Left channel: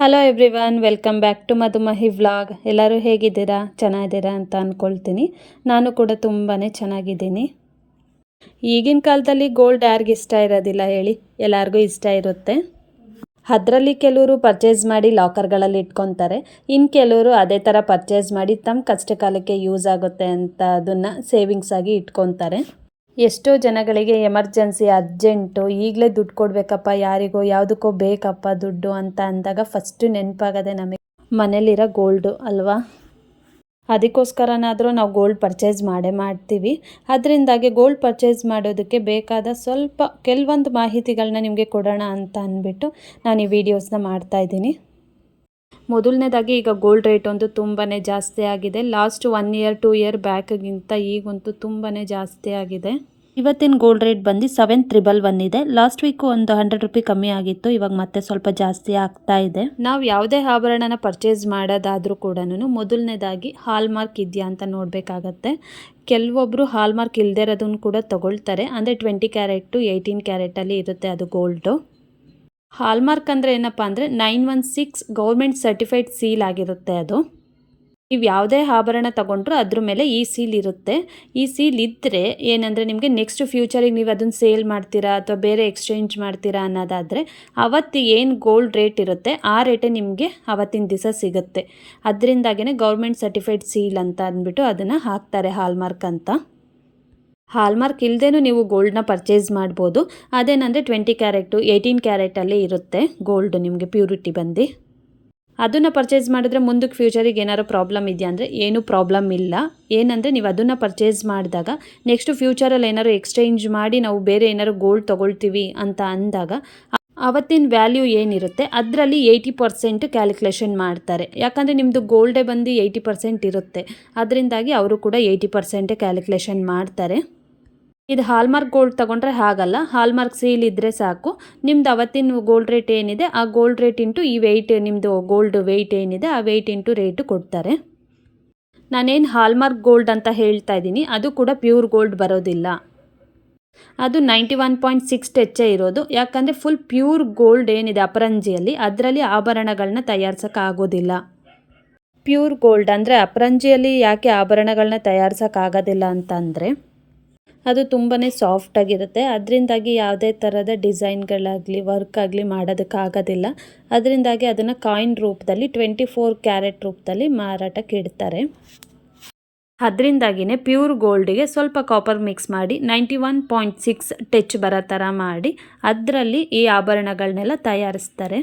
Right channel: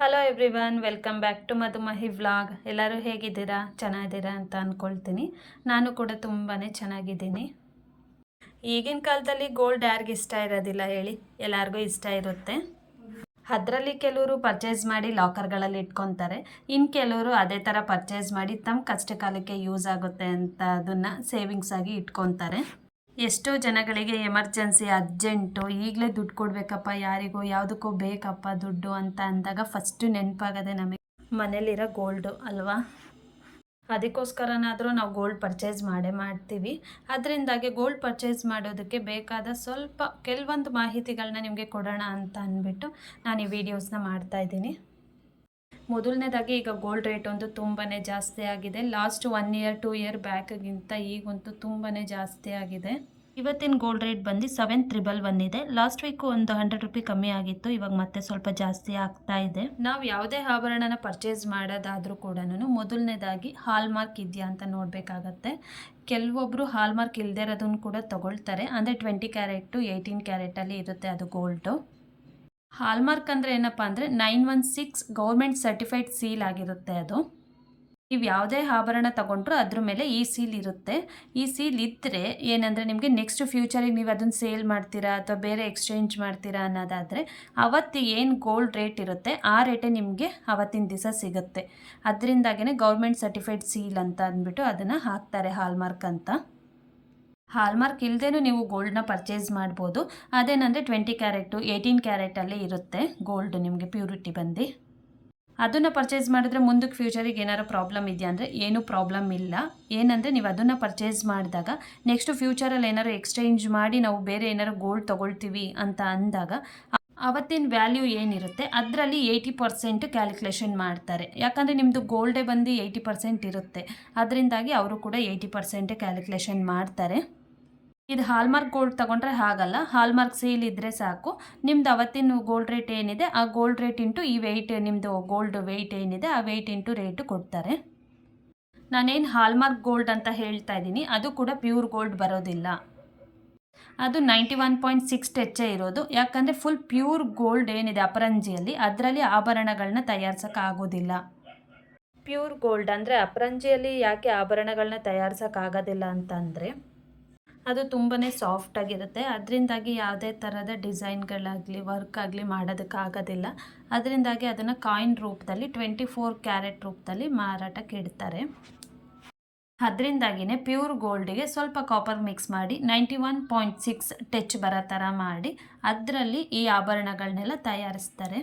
Hello everyone, welcome back to Madhumahi vlog. ಎಲ್ಲರೂ ಹೇಗಿದ್ದೀರಾ? ಚೆನ್ನಾಗಿದ್ದೀರಾ ಅಂತ ಅಂದ್ಕೊಳ್ತೀನಿ. ನಾನು ಕೂಡ ತುಂಬಾ ಚೆನ್ನಾಗಿದ್ದೀನಿ. ಈಗಿನ ಕಾಲದಲ್ಲಿ ಗೋಲ್ಡ್ ಯಾರಿಗೆ ಇಷ್ಟ ಇರೋದಿಲ್ಲ ಹೇಳಿ? ಎಲ್ಲರಿಗೂ ಇಷ್ಟ ಇರುತ್ತೆ. ಅದರಲ್ಲಿ ಕೆಲವರು ಪರ್ಚೇಸ್ ಮಾಡಿ ಲಾಕರ್ಗಳಲ್ಲಿ ಇಟ್ಕೊತಾರೆ. ಇನ್ನು ಕೆಲವರು ಅದೇ ಥರ ಪರ್ಚೇಸ್ ಮಾಡಿ ತಮ್ಮ ಕಷ್ಟ ಕಾಲಕ್ಕೆ ಯೂಸ್ ಆಗುತ್ತೆ ಅಂತ ಅದನ್ನು ಸೇವಿಂಗ್ಸ್ ಆಗಿ ಇಟ್ಕೊತಾರೆ. ಎಷ್ಟೋ ಜನಗಳಿಗೆ ಎಮರ್ಜೆನ್ಸಿ ಅರ್ಜೆಂಟು ಈಗಲೇ ದುಡ್ಡು ಕೊಡಬೇಕಪ್ಪ, ಯಾರಿಗೋ ಯಾವುದಕ್ಕೋ ಬೇಕಪ್ಪ ದುಡ್ಡು ಅಂತ ಅಂದಾಗ ಫಸ್ಟು ನೆನಪಾಗದೆ ನಮಗೆ ಮನೇಲಿರೋ ಗೋಲ್ಡು ಅಲ್ವಾ? ಅದಕ್ಕೋಸ್ಕರನಾದರೂ ನಾವು ಗೋಲ್ಡ್ ಪರ್ಚೇಸ್ ಮಾಡ್ತೀವಿ. ಅದರಿಂದಾಗಿ ಗೋಲ್ಡ್ ಪರ್ಚೇಸ್ ಮಾಡೋದಕ್ಕೆ ಬೇಕಾದ ಕೆಲವೊಂದು ಮಾಹಿತಿಗಳನ್ನ ನಿಮಗೆ ಕೊಡೋಣ ಅಂತ ಅಂದ್ಬಿಟ್ಟು ನಾನು ಈ ವಿಡಿಯೋಸ್ನ ಮಾಡ್ತಾಯಿದ್ದೀನಿ. ಮೊದಲನೇದಾಗಿ ಈಗ ಗೋಲ್ಡ್ ರೇಟ್ ಒಂದು ತುಂಬಾ ಜಾಸ್ತಿ ಆಗಿದೆ. ಲಾಸ್ಟ್ 1 ಇಯರ್ 2 ಇಯರ್ ಬ್ಯಾಕ್ಗಿಂತ ಈಗಂತೂ ತುಂಬಾ ಜಾಸ್ತಿ ಆಗಿದೆ. ಇವತ್ತಿನ ಗೋಲ್ಡ್ ರೇಟ್ ಬಂದು 7,111 ಇದೆ. ಲಾಸ್ಟ್ ವೀಕು ಒಂದು 100 ರೂಪಾಯಿ ಕಮ್ಮಿ ಆಗಿತ್ತು. ಇವಾಗ ಮತ್ತೆ ಸ್ವಲ್ಪ ಜಾಸ್ತಿ ಆಗ್ತಾ ಇದೆ. ನಾವು ಯಾವುದೇ ಆಭರಣನ ಪರ್ಚೇಸ್ ಮಾಡೋದಾದರೂ ಕೂಡ ಮೊದಲನೇದಾಗಿ ಹಾಲ್ ಮಾರ್ಕ್ ಇದೆಯಾ ಅಂತ ನೋಡಬೇಕಾಗತ್ತೆ. ಕೆಲವೊಬ್ಬರು ಹಾಲ್ ಮಾರ್ಕ್ ಇಲ್ಲದೆ ಇರೋದನ್ನು ಕೂಡ ತಗೊಳ್ತಾರೆ. ಅಂದರೆ 20 ಕ್ಯಾರೆಟು 18 ಕ್ಯಾರೆಟಲ್ಲಿ ಇರುತ್ತೆ ಅದು ಗೋಲ್ಡು. ಹಾಲ್ಮಾರ್ಕ್ ಅಂದರೆ ಏನಪ್ಪ ಅಂದರೆ 916 ಗೌರ್ಮೆಂಟ್ ಸರ್ಟಿಫೈಡ್ ಸೀಲ್ ಆಗಿರುತ್ತೆ ಅದು. ನೀವು ಯಾವುದೇ ಆಭರಣ ತಗೊಂಡ್ರೂ ಅದ್ರ ಮೇಲೆ ಈ ಸೀಲ್ ಇರುತ್ತೆ. ಈ ಸೀಲ್ ಇದ್ದರೆ ಏನಂದರೆ ನಿಮಗೆ ನೆಕ್ಸ್ಟ್ ಫ್ಯೂಚರಿಗೆ ನೀವು ಅದನ್ನು ಸೇಲ್ ಮಾಡ್ತೀರಾ ಅಥವಾ ಬೇರೆ ಎಕ್ಸ್ಚೇಂಜ್ ಮಾಡ್ತೀರಾ ಅನ್ನೋದಾದರೆ ಅವತ್ತು ಏನು ಗೋಲ್ಡ್ ರೇಟ್ ಇರುತ್ತೆ ಆ ರೇಟೇ ನಿಮಗೆ ಅವತ್ತಿನ ದಿವಸ ಸಿಗುತ್ತೆ. ಅದರಿಂದಾಗೇ ಗೌರ್ಮೆಂಟ್ ಸರ್ಟಿಫೈಡ್ ಸೀಲ್ ಅಂತ ಅಂದ್ಬಿಟ್ಟು ಅದನ್ನು ಹಾಕ್ತಾರೆ ಹಾಲ್ಮಾರ್ಕ್ ಅಂತ. ಹಾಲ್ಮಾರ್ಕ್ ಇಲ್ಲದೇನೂ ನೀವು ಗೋಲ್ಡನ್ನ ಪರ್ಚೇಸ್ ಮಾಡ್ಬೋದು. ಅದೇನಂದರೆ 20 ಕ್ಯಾರೆಟು 18 ಕ್ಯಾರೆಟಲ್ಲಿ ಇರುತ್ತೆ ಗೋಲ್ಡ್ ನಿಮಗೆ ಪ್ಯೂರಿಟಿ ಬಂದು. ಅದನ್ನು ಪರ್ಚೇಸ್ ಮಾಡಿದ್ರೆ ಮುಂದಕ್ಕೆ ಫ್ಯೂಚರಿಗೆ ಏನಾರು ಪ್ರಾಬ್ಲಮ್ ಇದೆಯಾ ಅಂದರೆ ಏನೂ ಪ್ರಾಬ್ಲಮ್ ಇಲ್ಲ. ಏನಂದರೆ ನೀವು ಅದನ್ನು ಪರ್ಚೇಸ್ ಮಾಡಿದಾಗ ನೆಕ್ಸ್ಟ್ ಫ್ಯೂಚರಲ್ಲಿ ಏನಾದ್ರು ಎಕ್ಸ್ಚೇಂಜ್ ಮಾಡಿ ನಾವು ಬೇರೆ ಏನಾದ್ರು ಗೋಲ್ಡ್ ತೊಗೊಳ್ತೀವಿ ಅಂತ ಅಂದಾಗ ಅವತ್ತಿನ ವ್ಯಾಲ್ಯೂ ಏನಿರುತ್ತೆ ಅದರಲ್ಲಿ 80% ಕ್ಯಾಲ್ಕುಲೇಷನ್ ಮಾಡ್ತಾರೆ. ಯಾಕಂದರೆ ನಿಮ್ಮದು ಗೋಲ್ಡೇ ಬಂದು 80% ಇರುತ್ತೆ. ಅದರಿಂದಾಗಿ ಅವರು ಕೂಡ 80% ಕ್ಯಾಲ್ಕುಲೇಷನ್ ಮಾಡ್ತಾರೆ. ಇದು ಹಾಲ್ಮಾರ್ಕ್ ಗೋಲ್ಡ್ ತೊಗೊಂಡ್ರೆ ಹಾಗಲ್ಲ. ಹಾಲ್ಮಾರ್ಕ್ ಸೀಲ್ ಇದ್ದರೆ ಸಾಕು. ನಿಮ್ದು ಅವತ್ತಿನ ಗೋಲ್ಡ್ ರೇಟ್ ಏನಿದೆ ಆ ಗೋಲ್ಡ್ ರೇಟ್ ಇಂಟು ಈ ವೆಯ್ಟ್, ನಿಮ್ಮದು ಗೋಲ್ಡ್ ವೆಯ್ಟ್ ಏನಿದೆ ಆ ವೆಯ್ಟ್ ಇಂಟು ರೇಟು ಕೊಡ್ತಾರೆ. ನಾನೇನು ಹಾಲ್ಮಾರ್ಕ್ ಗೋಲ್ಡ್ ಅಂತ ಹೇಳ್ತಾ ಇದ್ದೀನಿ ಅದು ಕೂಡ ಪ್ಯೂರ್ ಗೋಲ್ಡ್ ಬರೋದಿಲ್ಲ. ಅದು 91.6 ಟಚ್ಚೇ ಇರೋದು. ಯಾಕಂದರೆ ಫುಲ್ ಪ್ಯೂರ್ ಗೋಲ್ಡ್ ಏನಿದೆ ಅಪರಂಜಿಯಲ್ಲಿ ಅದರಲ್ಲಿ ಆಭರಣಗಳನ್ನ ತಯಾರಿಸೋಕ್ಕಾಗೋದಿಲ್ಲ. ಪ್ಯೂರ್ ಗೋಲ್ಡ್ ಅಂದರೆ ಅಪರಂಜಿಯಲ್ಲಿ ಯಾಕೆ ಆಭರಣಗಳನ್ನ ತಯಾರಿಸೋಕ್ಕಾಗೋದಿಲ್ಲ ಅಂತಂದರೆ ಅದು ತುಂಬಾ ಸಾಫ್ಟಾಗಿರುತ್ತೆ. ಅದರಿಂದಾಗಿ ಯಾವುದೇ ಥರದ ಡಿಸೈನ್ಗಳಾಗಲಿ ವರ್ಕ್ ಆಗಲಿ ಮಾಡೋದಕ್ಕಾಗೋದಿಲ್ಲ. ಅದರಿಂದಾಗಿ ಅದನ್ನು ಕಾಯಿನ್ ರೂಪದಲ್ಲಿ 24 ಕ್ಯಾರೆಟ್ ರೂಪದಲ್ಲಿ ಮಾರಾಟಕ್ಕೆ ಇಡ್ತಾರೆ. ಅದರಿಂದಾಗಿಯೇ ಪ್ಯೂರ್ ಗೋಲ್ಡಿಗೆ ಸ್ವಲ್ಪ ಕಾಪರ್ ಮಿಕ್ಸ್ ಮಾಡಿ 91.6 ಟಚ್ ಬರೋ ಥರ ಮಾಡಿ ಅದರಲ್ಲಿ ಈ ಆಭರಣಗಳನ್ನೆಲ್ಲ ತಯಾರಿಸ್ತಾರೆ.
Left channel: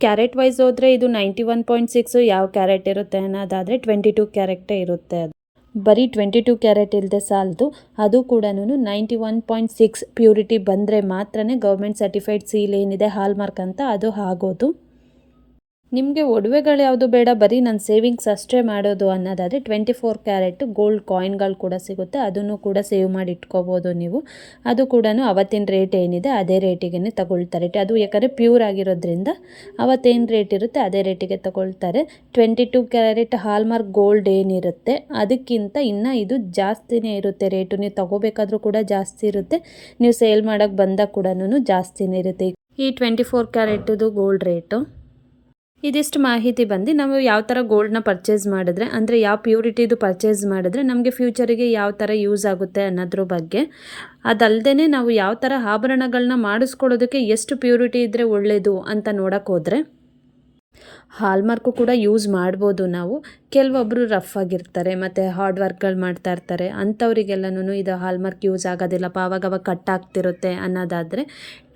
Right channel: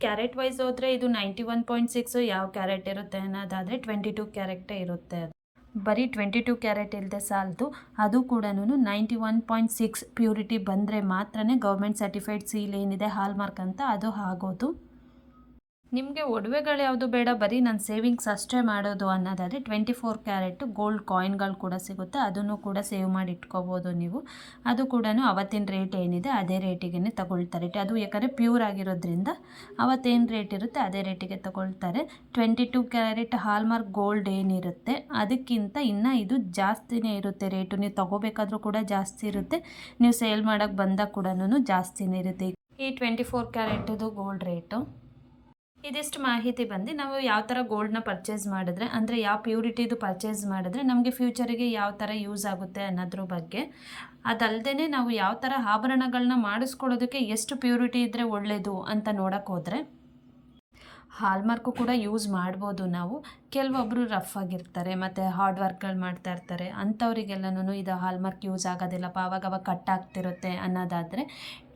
ಕ್ಯಾರೆಟ್ ವೈಸ್ ಹೋದರೆ ಇದು 91.6 ಯಾವ ಕ್ಯಾರೆಟ್ ಇರುತ್ತೆ ಅನ್ನೋದಾದರೆ 22 ಕ್ಯಾರೆಟೇ ಇರುತ್ತೆ. ಅದು ಬರೀ 22 ಕ್ಯಾರೆಟ್ ಇಲ್ಲದೆ ಸಾಲದು, ಅದು ಕೂಡ 91.6 ಪ್ಯೂರಿಟಿ ಬಂದರೆ ಮಾತ್ರ ಗೌರ್ಮೆಂಟ್ ಸರ್ಟಿಫೈಡ್ ಸೀಲ್ ಏನಿದೆ ಹಾಲ್ಮಾರ್ಕ್ ಅಂತ ಅದು ಆಗೋದು. ನಿಮಗೆ ಒಡವೆಗಳು ಯಾವುದು ಬೇಡ, ಬರೀ ನಾನು ಸೇವಿಂಗ್ಸ್ ಅಷ್ಟೇ ಮಾಡೋದು ಅನ್ನೋದಾದರೆ 24 ಕ್ಯಾರೆಟ್ ಗೋಲ್ಡ್ ಕಾಯಿನ್ಗಳು ಕೂಡ ಸಿಗುತ್ತೆ. ಅದನ್ನು ಕೂಡ ಸೇವ್ ಮಾಡಿ ಇಟ್ಕೋಬೋದು ನೀವು. ಅದು ಕೂಡ ಅವತ್ತಿನ ರೇಟ್ ಏನಿದೆ ಅದೇ ರೇಟಿಗೆ ತಗೊಳ್ತಾರೆ. ಅದು ಯಾಕಂದರೆ ಪ್ಯೂರ್ ಆಗಿರೋದ್ರಿಂದ ಅವತ್ತೇನು ರೇಟ್ ಇರುತ್ತೆ ಅದೇ ರೇಟಿಗೆ ತಗೊಳ್ತಾರೆ. 22 ಕ್ಯಾರೆಟ್ ಹಾಲ್ಮಾರ್ಕ್ ಗೋಲ್ಡ್ ಏನಿರುತ್ತೆ ಅದಕ್ಕಿಂತ ಇನ್ನೂ ಇದು ಜಾಸ್ತಿನೇ ಇರುತ್ತೆ ರೇಟು. ನೀವು ತಗೋಬೇಕಾದ್ರೂ ಕೂಡ ಜಾಸ್ತಿ ಇರುತ್ತೆ, ನೀವು ಸೇಲ್ ಮಾಡೋಕ್ಕೆ ಬಂದಾಗ ಕೂಡ ಜಾಸ್ತಿನೇ ಇರುತ್ತೆ ಈ 24 ಕ್ಯಾರೆಟದು ಗೋಲ್ಡ್ ರೇಟು. ಇದಿಷ್ಟು ಮಾಹಿತಿ ಬಂದು ನಾವು ಯಾವ ಥರ ಗೋಲ್ಡನ್ನ ಪರ್ಚೇಸ್ ಮಾಡಿದ್ರೆ, ಅಂದರೆ ಯಾವ ಪ್ಯೂರಿಟಿದು ಪರ್ಚೇಸ್ ಮಾಡಿದ್ರೆ ನಮಗೆ ಫ್ಯೂಚರಿಗೆ ಯಾವ ಥರ ಯೂಸ್ ಆಗುತ್ತೆ ಅನ್ನೋದ್ರ ಬಗ್ಗೆ. ಅದಲ್ಲದೆ ನಾವು ಯಾವ ಥರ ಆಭರಣಗಳನ್ನ ಮಾಡಿಸ್ಕೊಳ್ಳೋದಕ್ಕೆ ಎಷ್ಟು ಪ್ಯೂರಿಟಿ ಇದ್ದರೆ ಒಳ್ಳೆಯದು ಅಂತ ನೋಡೋಕ್ಕೆ ಹೋದರೆ ಹಾಲ್ಮಾರ್ಕು ಕೂಡ ಯೂಸ್ ಮಾಡ್ಬೋದು ನಾವು. ಕೆಲವೊಬ್ಬರು ರಫ್ ಆಗಿರ್ತಾರೆ ಮತ್ತು ಹಾರ್ಡ್ ವರ್ಕ್ಗಳು ಮಾಡ್ತಾ ಇರ್ತಾರೆ, ಅಂಥವರಿಗೆಲ್ಲನೂ ಇದು ಹಾಲ್ಮಾರ್ಕ್ ಯೂಸ್ ಆಗೋದಿಲ್ಲಪ್ಪ, ಆವಾಗವಾಗ ಕಟ್ ಆಗ್ತಿರುತ್ತೆ ಅನ್ನೋದಾದರೆ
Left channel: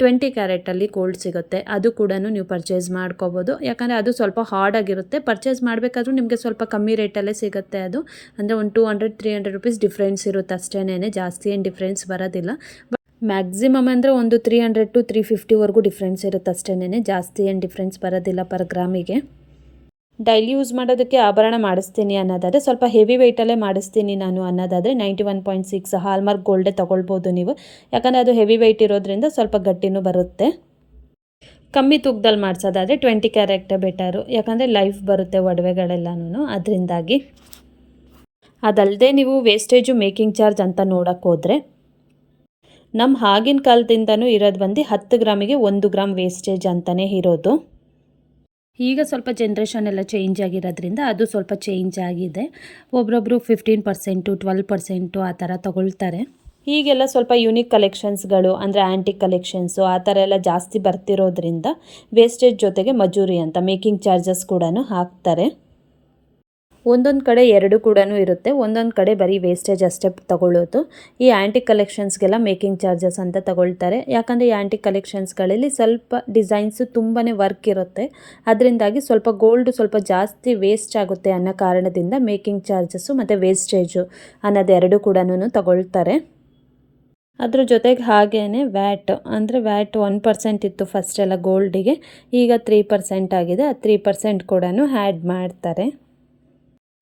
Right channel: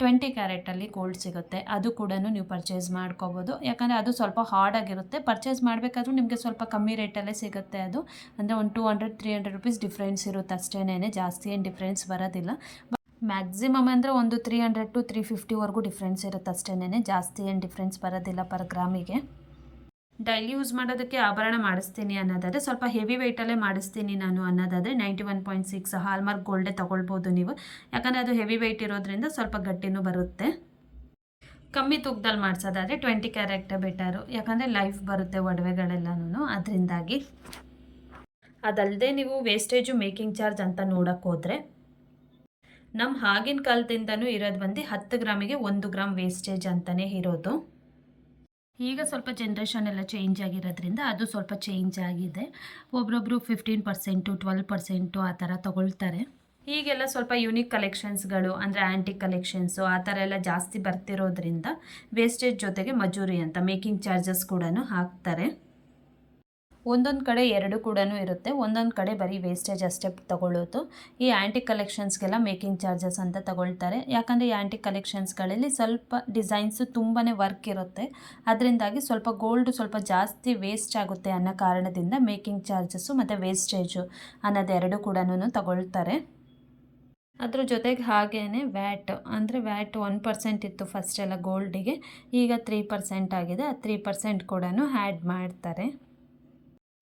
20 ಕ್ಯಾರೆಟಲ್ಲಿ ಗೋಲ್ಡ್ ಸಿಗುತ್ತೆ. ಅದು ಕೂಡ ನೀವು ಪರ್ಚೇಸ್ ಮಾಡ್ಕೋಬೋದು. ಯಾಕಂದರೆ ಅದು ಸ್ವಲ್ಪ ಹಾರ್ಡ್ ಆಗಿರುತ್ತೆ. ಪರ್ಚೇಸ್ ಮಾಡಬೇಕಾದ್ರೂ ನಿಮಗೆ ಸ್ವಲ್ಪ ಕಮ್ಮಿ ರೇಟಲ್ಲೇ ಸಿಗುತ್ತೆ. ಅದು ಅಂದರೆ ಒಂದು 200-300 ರೂಪೀಸ್ ಡಿಫ್ರೆನ್ಸ್ ಇರುತ್ತೆ ಅಷ್ಟೇನೇ, ಜಾಸ್ತಿ ಏನು ಡಿಫ್ರೆನ್ಸ್ ಬರೋದಿಲ್ಲ. ಮ್ಯಾಕ್ಸಿಮಮ್ ಅಂದರೆ ಒಂದು 300 to 350ವರೆಗೂ ಡಿಫ್ರೆನ್ಸ್ ಇರುತ್ತೆ ಅಷ್ಟೇನೇ, ಜಾಸ್ತಿ ಏನು ಡಿಫ್ರೆನ್ಸ್ ಬರೋದಿಲ್ಲ ಪರ್ ಗ್ರಾಮಿಗೆ. ಡೈಲಿ ಯೂಸ್ ಮಾಡೋದಕ್ಕೆ ಆಭರಣ ಮಾಡಿಸ್ತೀನಿ ಅನ್ನೋದಾದರೆ ಸ್ವಲ್ಪ ಹೆವಿ ವೆಯ್ಟಲ್ಲೇ ಮಾಡಿಸ್ತೀನಿ ನಾನು ಅನ್ನೋದಾದರೆ 91.6 ಹಾಲ್ಮಾರ್ಕ್ ಗೋಲ್ಡೇ ತೊಗೊಳ್ಬೋದು ನೀವು. ಯಾಕಂದರೆ ಅದು ಹೆವಿ ವೆಯ್ಟ್ ಇರೋದ್ರಿಂದ ಸ್ವಲ್ಪ ಗಟ್ಟಿನೂ ಬರುತ್ತೆ. ಕಮ್ಮಿ ತೂಕದಲ್ಲಿ ಮಾಡಿಸೋದಾದರೆ 20 ಕ್ಯಾರೆಟೇ ಬೆಟರು. ಯಾಕಂದರೆ ಲೈಫ್ ಬರುತ್ತೆ ಒಡವೆಗಳೆಲ್ಲನೂ ಅದರಿಂದಾಗಿ. ಅದಲ್ಲದೆ ನೀವು ವೇಸ್ಟೇಜು ಮೇಕಿಂಗ್ ಚಾರ್ಜ್ ಅಂತ ನೋಡೋಕ್ಕೆ ಹೋದರೆ ನಮ್ಮ ಆಗಿನ ಕಾಲದಿಂದನೂ ಇರೋದು ಬಂದು 10 ಗ್ರಾಮಿಗೆ 1 ಗ್ರಾಮ್ ವೇಸ್ಟೇಜ್ ಅಂತಲೇ ಇರೋದು. ಈಗ ಸ್ವಲ್ಪ ಜನ್ರೇಷನ್ ಎಲ್ಲ ಚೇಂಜ್ ಆಗಿರೋದ್ರಿಂದ ಅದು ಸ್ವಲ್ಪ ಚೇಂಜ್ ಆಗಿದೆ. ಒಬ್ಬೊಬ್ಬರು 15%, 12% ಆ ಥರ ತಗೊಳ್ತಾರೆ. ಈಗೆಲ್ಲ ಸ್ವಲ್ಪ ಯೂನಿಕ್ ಕಲೆಕ್ಷನ್ಸ್ಗಳು ಅಂದರೆ ಆ್ಯಂಟಿಕ್ ಕಲೆಕ್ಷನ್ಸು ಆ ಥರ ಎಲ್ಲ ಜಾಸ್ತಿ ಬರ್ತಿರೋದ್ರಿಂದ ವೇಸ್ಟೇಜ್ ಜೊತೆಗೆ ಮಜೂರಿ ಅಂತ ಮೇಕಿಂಗ್ ಚಾರ್ಜಸ್ ಕೂಡ ಹಾಕ್ತಾರೆ. ಒಂದೊಂದು ಕಡೆ ಎರಡು ಕೂಡ ಇರುತ್ತೆ, ಒಂದೊಂದು ಕಡೆ ಬರೀ ವೇಸ್ಟೇಜ್ ಅಷ್ಟೇ ತಗೊಳ್ಳೋದು. ಈ ಆ್ಯಂಟಿಕ್ ಕಲೆಕ್ಷನ್ಸ್ಗೆಲ್ಲ ಮೇಕಿಂಗ್ ಚಾರ್ಜಸ್ ಅಂತ ತಗೊಳ್ತಾರೆ. ಯಾಕಂದರೆ ಈ ಆ್ಯಂಟಿಕ್ ಕಲೆಕ್ಷನ್ಸ್ಗಳಲ್ಲಿ ಸ್ವಲ್ಪ ಡಿಸೈನ್ಸು ತುಂಬಾ ವರ್ಕ್ ಇರುತ್ತೆ, ಅದರಿಂದಾಗಿ ಸ್ವಲ್ಪ ಗೋಲ್ಡು ಸ್ವಲ್ಪ ಜಾಸ್ತಿ ವೇಸ್ಟ್ ಆಗುತ್ತೆ ಅನ್ನೋ ಕಾರಣದಿಂದ ಮೇಕಿಂಗ್ ಚಾರ್ಜಸ್ಸು ಮತ್ತು ವೇಸ್ಟೇಜು ಅನ್ನೋದೆರಡು ಕೂಡ ತಗೊಳ್ತಾರೆ. ಅದ್ರ ಜೊತೆಗೆ ಹಾಗೇ ವ್ಯಾಟ್ ಅಂದರೆ ವ್ಯಾಟ್ 1% ಇತ್ತು ಫಸ್ಟೆಲ್ಲ ಗೋಲ್ಡಿಗೆ, ಈಗ 3% ಆಗಿದೆ. ಆ 3% ಕೂಡ ಆ್ಯಡ್ ಮಾಡ್ತಾರೆ.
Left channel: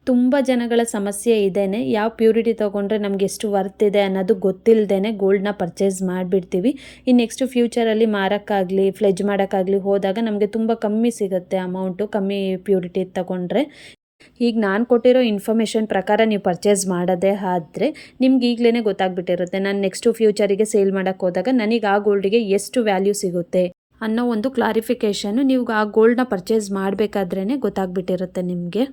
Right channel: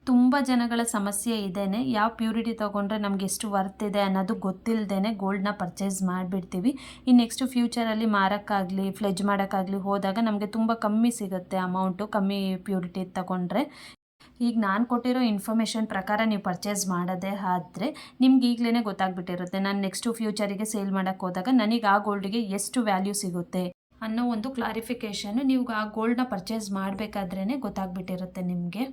ತುಂಬ ಜನಗಳ ಸಮಸ್ಯೆ ಇದೇನೆ, ಯಾವ ಪ್ಯೂರಿಟಿ ತೊಗೊಂಡ್ರೆ ನಮ್ಗೆ ಎಷ್ಟು ವರ್ತ್ ಇದೆ ಅನ್ನೋದು ಗೊತ್ತಿಲ್ಲದೇ ಗೋಲ್ಡ್ನ ಪರ್ಚೇಸ್ ಮಾಡಿಬಿಡ್ತೀವಿ. ಇನ್ನು ನೆಕ್ಸ್ಟ್ ಫ್ಯೂಚರಲ್ಲಿ ಮಾರೋಕ್ಕಾಗಲಿ ಫ್ಲೆಜ್ ಮಾಡೋಕ್ಕಾಗಲಿ ಹೋದಾಗ ನಮಗೆ ತುಂಬ ಕಮ್ಮಿ ಸಿಗುತ್ತೆ ಅಮೌಂಟು, ಕಮ್ಮಿ ಪ್ಯೂರಿಟಿ ತಗೊಂಡ್ರೆ. ಈಗ ನಾನು ಕೊಟ್ಟಿರೋ ಇನ್ಫಾರ್ಮೇಷನ್ ಪ್ರಕಾರ ನೀವು ಪರ್ಚೇಸ್ ಮಾಡೋದೇ ಆದರೆ ನಿಮ್ಗೆ ಈಗಲೇ ಗೊತ್ತಾಗ್ಬಿಟ್ಟಿರುತ್ತೆ, ನಾನು ನೆಕ್ಸ್ಟು ಫ್ಯೂಚರಿಗೆ ಸೇಲ್ ಮಾಡೋಕ್ಕೆ ಹೋದಾಗ ನನಗೆ ಆ ಗೋಲ್ಡಿಗೆ ಎಷ್ಟು ವ್ಯಾಲ್ಯೂ ಸಿಗುತ್ತೆ ಅನ್ನೋ ಒಂದು ಕ್ಲಾರಿಫಿಕೇಷನ್ನು ನೀವು ಆ ಗೋಲ್ಡ್ನ ಪರ್ಚೇಸ್ ಮಾಡಬೇಕಾದ್ರೇ ಗೊತ್ತಾಗ್ಬಿಟ್ಟಿರುತ್ತೆ ನಿಮಗೆ.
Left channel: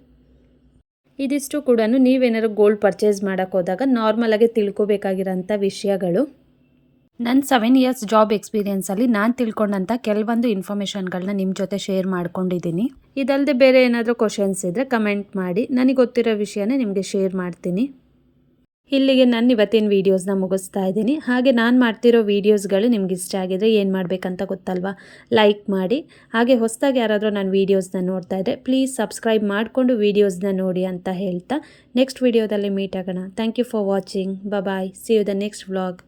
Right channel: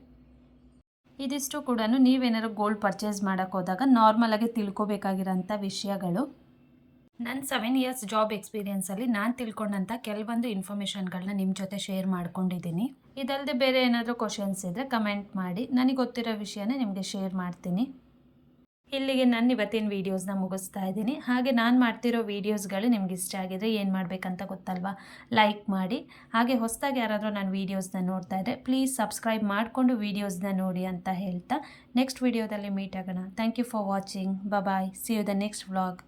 ಇದಿಷ್ಟು ಕೂಡ ನೀವೇನಾದ್ರು ಗೋಲ್ಡ್ ಪರ್ಚೇಸ್ ಮಾಡೋಕ್ಕೆ ಹೋದಾಗ ನಾರ್ಮಲಾಗಿ ತಿಳ್ಕೊಬೇಕಾಗಿರೋಂಥ ವಿಷಯಗಳು. ನನ್ನ 7 ಇಯರ್ಸ್ ಜಾಬ್ ಎಕ್ಸ್ಪೀರಿಯೆನ್ಸಲ್ಲಿ ನಾನು ತಿಳ್ಕೊಂಡಂಥ ಕೆಲವೊಂದು ಇನ್ಫಾರ್ಮೇಷನ್ಗಳನ್ನ ನಿಮ್ಮ ಜೊತೆ ಶೇರ್ ಮಾಡ್ಕೊಂಡಿದ್ದೀನಿ. ಇದಲ್ಲದೆ ಬೇರೆ ಏನಾದರೂ ಕ್ವಶನ್ಸ್ ಇದ್ದರೆ ಕಮೆಂಟ್ ಮಾಡಿ, ನನಗೆ ಗೊತ್ತಿರೋ ವಿಷಯನೇ ನಿಮಗೆ ಶೇರ್ ಮಾಡ್ತೀನಿ. ಇಲ್ಲಿಗೆ ನಾನು ಇವತ್ತಿನ ವೀಡಿಯೋಸ್ನ ಮುಗಿಸ್ತಾ ಇದ್ದೀನಿ. ಹಾಗೆ ನಾನು ಮಾಡ್ತಿರೋ ವೀಡಿಯೋಸ್ಗಳು ನಿಮ್ಗೆ ಇಷ್ಟ ಆಗಿದ್ರೆ ಏನು ಮಾಡಬೇಕಂತ ಗೊತ್ತಲ್ವಾ, ಲೈಕ್ ಮಾಡಿ. ಹಾಗೆ ಹೊಸದಾಗಿ ಯಾರಾದರೂ ನನ್ನ ವೀಡಿಯೋಸ್ನ ನೋಡ್ತಾ ಇದ್ದರೆ ಪ್ಲೀಸ್ ಸಬ್ಸ್ಕ್ರೈಬ್ ಮಾಡಿಕೊಂಡು ವೀಡಿಯೋಸ್ನ ನೋಡಿ ಅಂತ ಹೇಳ್ತಾ ನೆಕ್ಸ್ಟ್ ವೀಡಿಯೋದಲ್ಲಿ ಮೀಟ್ ಆಗೋಣ. Thank you for watching. Bye. See you the next vlog.